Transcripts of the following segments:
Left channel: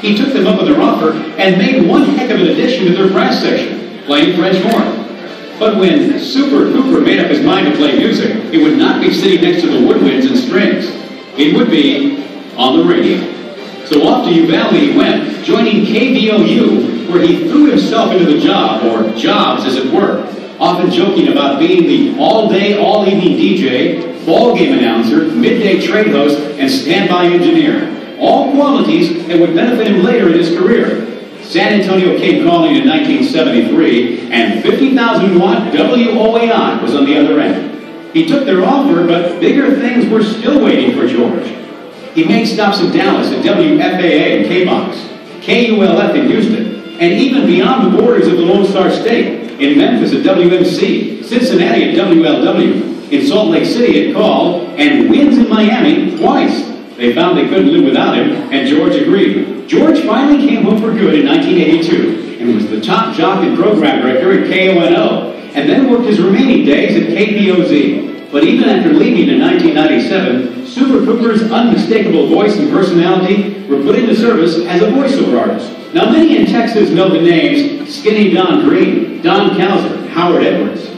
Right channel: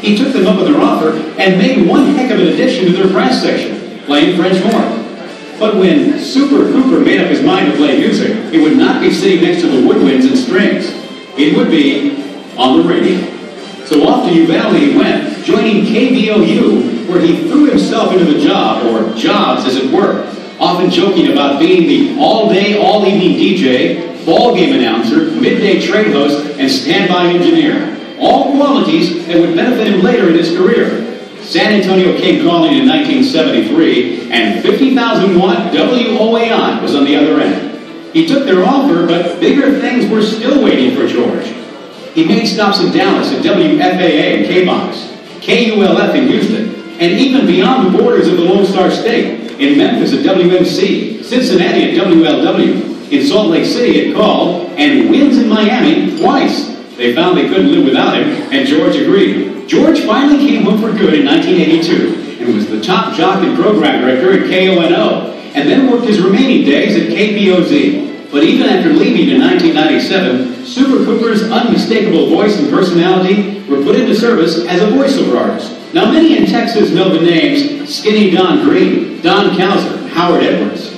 he took them up on their offer and made one heck of an addition to their brass section, playing French horn. But when Super Cooper made up his mind to play music, it would not be sitting next to the woodwinds and strings. It would be on the radio. So off to Uvalde he went, joining KVOU, where he threw himself into the job, or jobs as it were, often joking about being the all-day, all-evening DJ, ball game announcer, midday trade host, and standby engineer. All qualities that would benefit him later in his career. San Antonio came calling in 1973, and 50,000-watt WOAI was on the other end. He took their offer, but bigger things were still waiting for George. He made stops in Dallas at WFAA and K-Box, KULF in Houston, and even beyond the borders of the Lone Star State, in Memphis at WMC, Cincinnati at WLW, in Salt Lake City at Call, and wins in Miami twice. They found they couldn't live without him, and George agreed. George finally came home for good in 1982, and was the top jock and program director at KONO, and then worked his remaining days at KPOZ. But even after leaving in 1997, Super Cooper's unmistakable voice and personality were put into service as a voiceover artist. Now, many in Texas know the names Skinny Don Green, Don Calzer, Howard Edwards.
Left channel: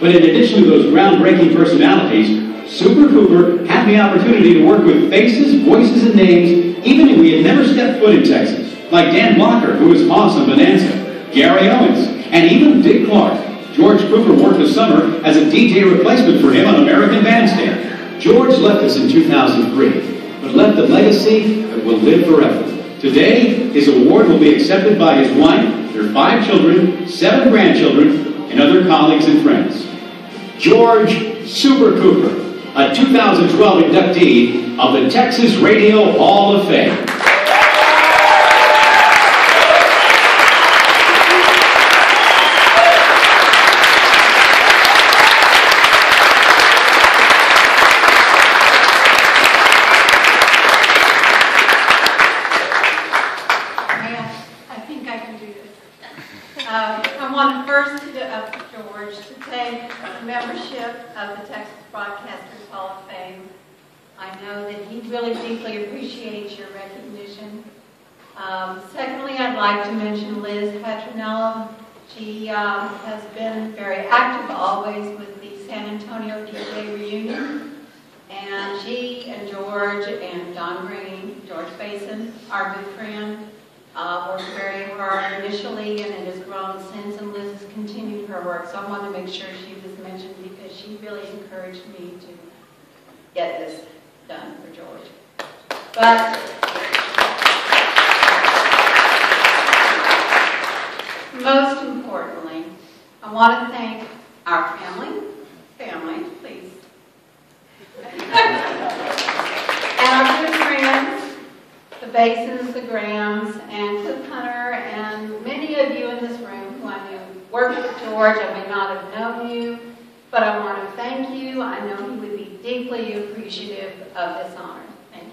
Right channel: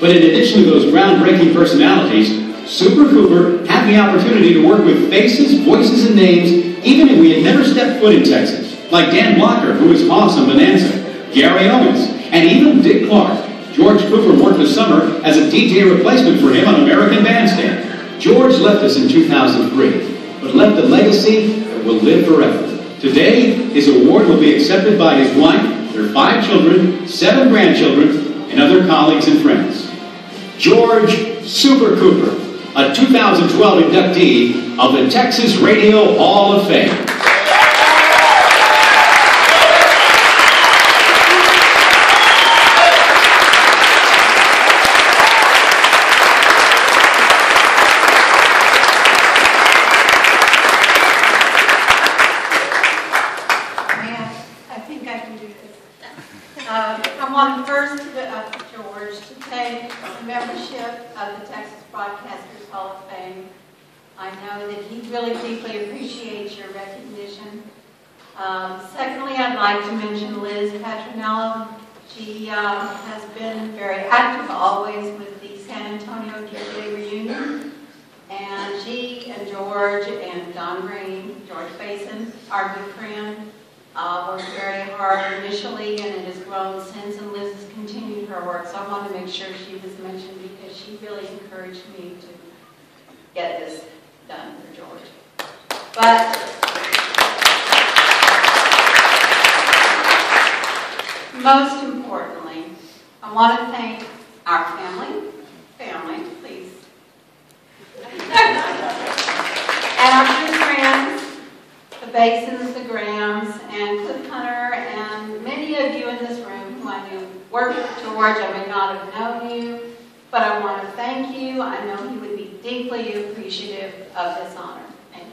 But in addition to those groundbreaking personalities, Super Cooper had the opportunity to work with faces, voices, and names even if we had never stepped foot in Texas, like Dan Blocker, who was Hoss on Bonanza, Gary Owens, and even Dick Clark. George Cooper worked this summer as a DJ replacement for him on American Bandstand. George left us in 2003, but left a legacy that will live forever. Today, his award will be accepted by his wife, their 5 children, 7 grandchildren, and other colleagues and friends. George Super Cooper, a 2012 inductee of the Texas Radio Hall of Fame. I think I can do this. I want first George to take the membership of the Texas Broadcasters Hall of Fame. I know that he really deeply appreciates your recognition. Secondly, I'd like to mention Liz Petronello. She has been very active always with the San Antonio DJ reunion. And she and George and Don Green, George Basin, our good friend, worked very hard initially, and it has grown since, and Liz has continued her work. So I want to make sure she was mentioned because she really encouraged me to get this done for George. But most importantly, I want to thank our family, please, and our good friends, the Basins, the Grahams, and Cliff Hunter, and many of you in this room who I knew worked with George. I may not have known you, but I want to thank you. I know he would be deeply appreciative of this honor. Thank you.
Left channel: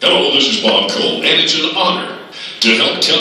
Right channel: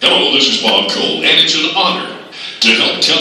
Hello, this is Bob Cole, and it's an honor to help tell